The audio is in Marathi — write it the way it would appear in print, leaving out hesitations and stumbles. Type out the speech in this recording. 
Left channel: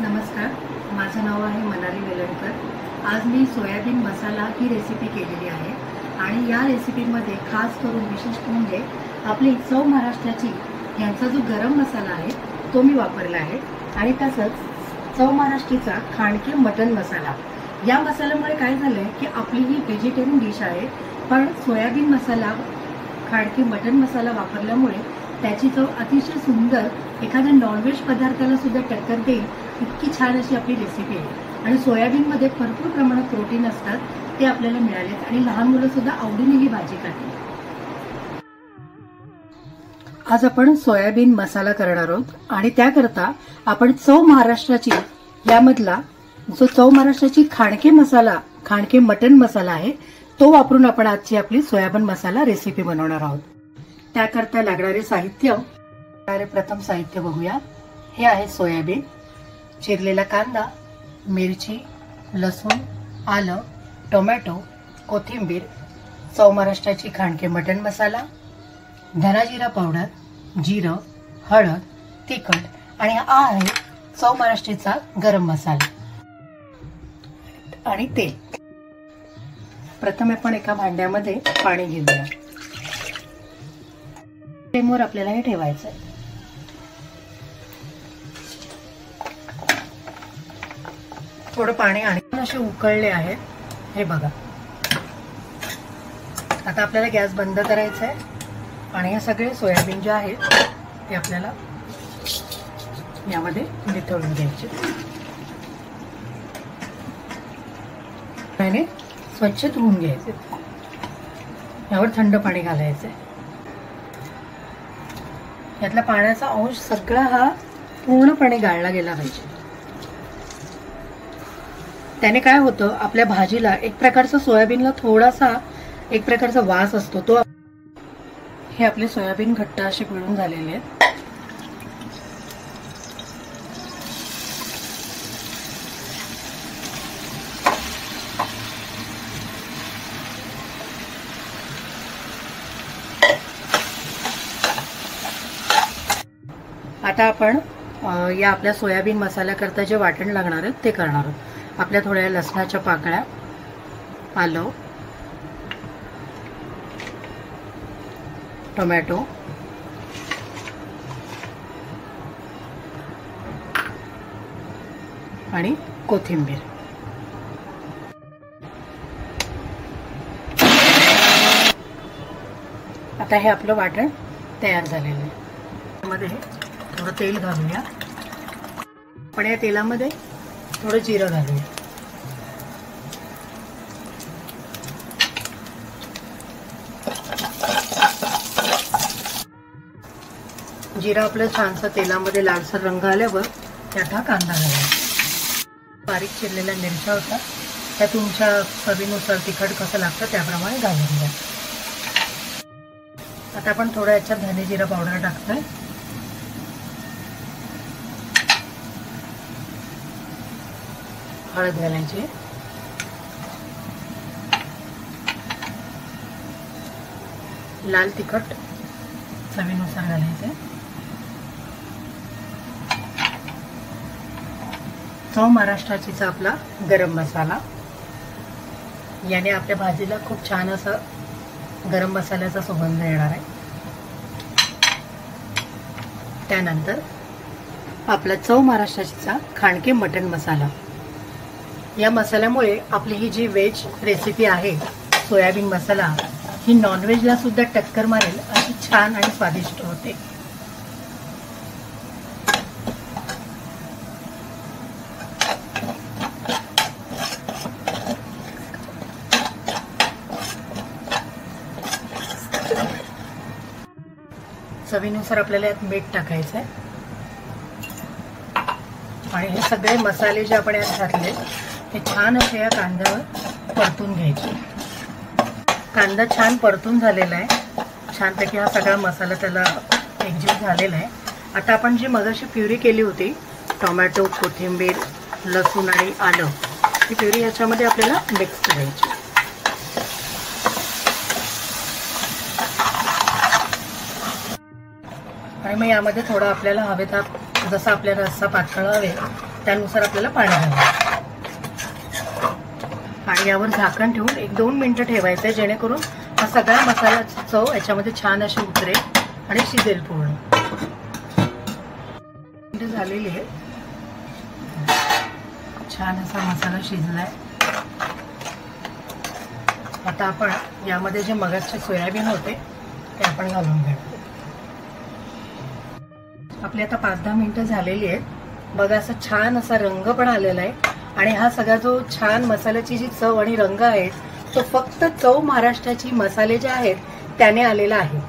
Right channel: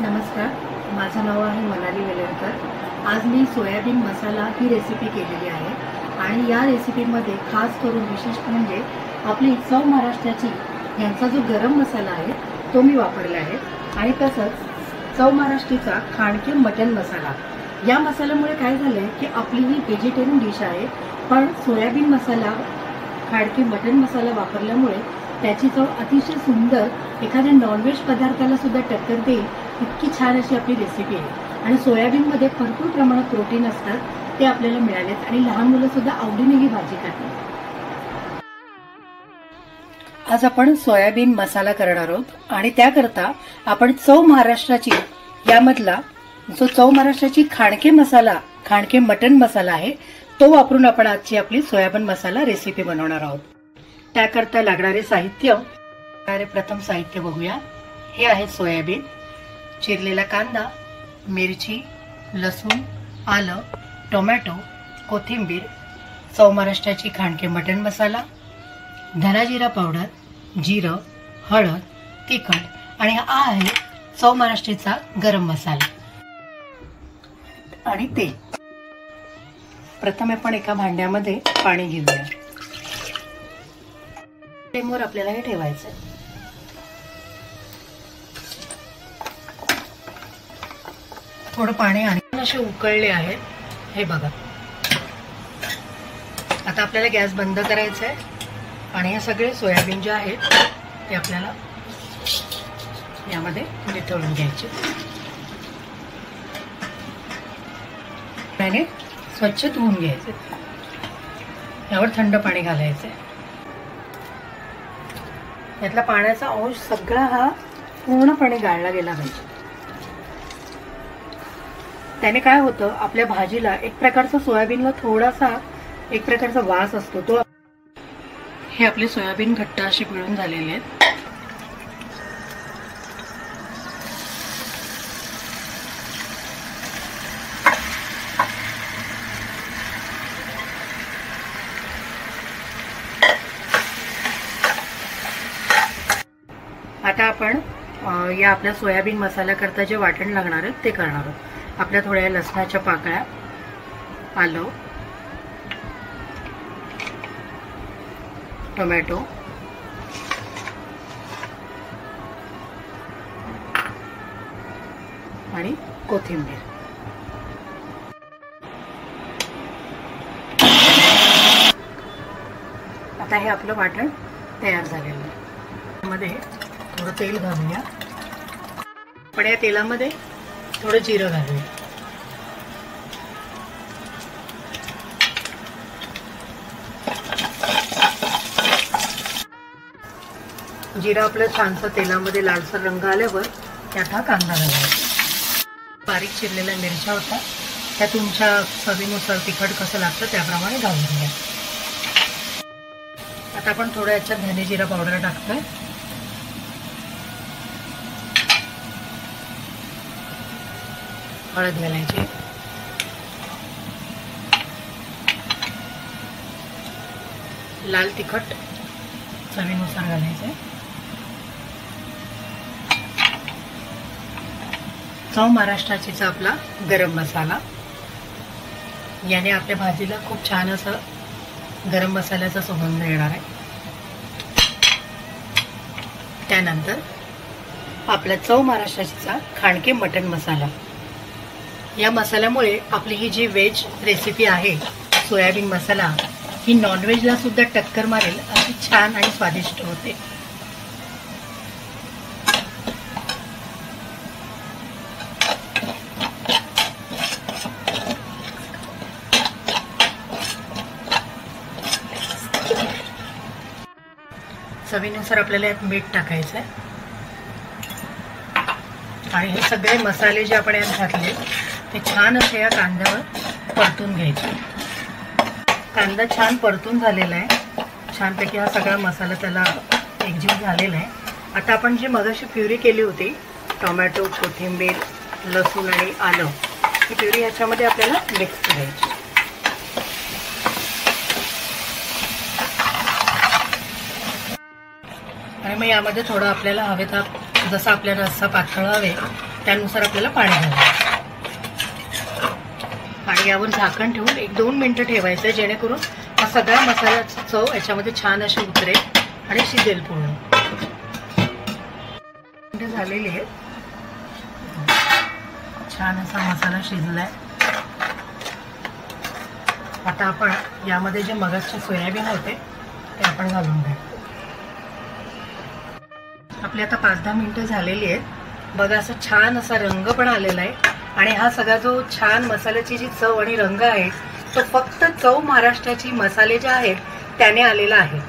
नमस्कार, माझं नाव आहे मनाली वेलणकर। आज मी सोयाबीन मसाला ही रेसिपी केलेली आहे आणि या रेसिपीमध्ये खास करून विशिष्ट म्हणजे आपली चव महाराष्ट्राची यांचा जो गरम मसाला आहे तो मी वापरला आहे आणि तसंच चव महाराष्ट्रीचा खांडकी मटन मसाला। या मसाल्यामुळे काय झालंय की आपली ही व्हेजिटेरियन डिश आहे, पण सोयाबीन मसाला खांडकी मटन मसाला वापरल्यामुळे त्याची चव अतिशय सुंदर एखाद्या नॉनव्हेज पदार्थाला सुद्धा टक्कर देईल इतकी छान अशी आपली रेसिपी आहे। आणि सोयाबीनमध्ये भरपूर प्रमाणात प्रोटीन असतात, ते आपल्याला मिळालेत आणि लहान मुलं सुद्धा आवडीने ही भाजी खातात। आज आपण सोयाबीन मसाला करणार आहोत आणि त्याकरता आपण चव महाराष्ट्राची यामधला जो चव महाराष्ट्राची खांडके मसाला, खांडके मटन मसाला आहे तो वापरून आपण आजची आपली सोयाबीन मसाला रेसिपी बनवणार आहोत। त्याकरता लागणारे साहित्य, प्रथम साहित्य बघूया। हे आहे सोयाबीन, चिरलेला कांदा, मिरची, लसूण, आलं, टोमॅटो, कोथिंबीर, चव महाराष्ट्राची खांडके मटन मसाला, धना जिरा पावडर, जिरं, हळद, तिखट आणि हा आहे चव महाराष्ट्राचा गरम मसाला आणि तेल। प्रथम आपण एका भांड्यामध्ये पाणी घेऊया। फ्लेमवर आपल्याला हे ठेवायचं आहे। थोडं पाणी आणि असे उकळले आहे, हे बघा। आता आपल्याला गॅस बंद करायचा आहे आणि हे सगळे सोयाबीन जे आहे ते आपल्याला यामध्ये वितळून घ्यायचे। पाणी स्वच्छ धुवून घ्यायचे, यावर थंड पाणी घालायचं। यातला पाण्याचा अंश सगळा हा पूर्णपणे गाळला गेला पाहिजे। त्याने काय होतं, आपल्या भाजीला एक प्रकारचा सोयाबीनला थोडासा एक प्रकारचा वास असतो तो। हे आपले सोयाबीन घट्ट असे पिळून झालेले आहेत। आता आपण या आपल्या सोयाबीन मसाल्याकरता जे वाटण लागणार आहे ते करणार आहोत। आपल्या थोड्या लसणाच्या पाकळ्या, आलं, टोमॅटो, आणि कोथिंबीर। आता हे आपलं वाटण तयार झालेलं आहे। त्यामध्ये थोडं तेल घालूया, पण या तेलामध्ये थोडं जिरं घालूया। जिरं आपलं छानसं तेलामध्ये लालसर रंग आल्यावर त्यात हा कांदा घालायचा। बारीक चिरलेल्या मिरच्या होत्या, त्या तुमच्या चवीनुसार तिखट कसं लागतं त्याप्रमाणे घालून घ्या। आता आपण थोडं याच्यात धने जिरा पावडर टाकतोय, हळद घालायची, लाल तिखट चवीनुसार घालायचे, चव महाराष्ट्राचीचा आपला गरम मसाला। याने आपल्या भाजीला खूप छान असं गरम मसाल्याचा सुगंध येणार आहे। त्यानंतर आपला चव महाराष्ट्राचीचा खांडके मटन मसाला। या मसाल्यामुळे आपली ही जी व्हेज रेसिपी आहे सोयाबीन मसाला, ही नॉनव्हेजला सुद्धा टक्कर मारेल अशी छान आणि स्वादिष्ट होते। चवीनुसार आपल्याला यात मीठ टाकायचं आहे आणि हे सगळे मसाले जे आपण यात घातले ते छान असे या कांद्यावर परतून घ्यायचे। कांदा छान परतून झालेला आहे, छानपैकी हा सगळा मसाला त्याला एकजीव झालेला आहे। आता आपण जी मगाशी प्युरी केली होती, टोमॅटो, कोथिंबीर, लसूण आणि आलं, ही प्युरी याच्यामध्ये आपल्याला मिक्स करायची। आणि मग यामध्ये थोडं आपल्याला हवे तर जसा आपल्याला रस्सा पातळ हवे त्यानुसार आपल्याला पाणी घालायचं आणि यावर झाकण ठेवून 1-2 मिनिटं ठेवायचं, जेणेकरून हा सगळा मसाल्याची चव याच्यामध्ये छान अशी उतरेल आणि शिजेल पूर्ण. झालेली आहे, छान असा मसाला शिजलाय. आता आपण यामध्ये जे मगासचे सोयाबीन होते ते आपण घालून घेऊ. आपली आता 5-10 मिनिटं झालेली आहेत. बघा असं छान असा रंग पण आलेला आहे आणि हा सगळा जो छान मसाल्याची जी चव आणि रंग आहे तो फक्त चव महाराष्ट्राची मसाले जे आहेत त्याने आलेला आहे.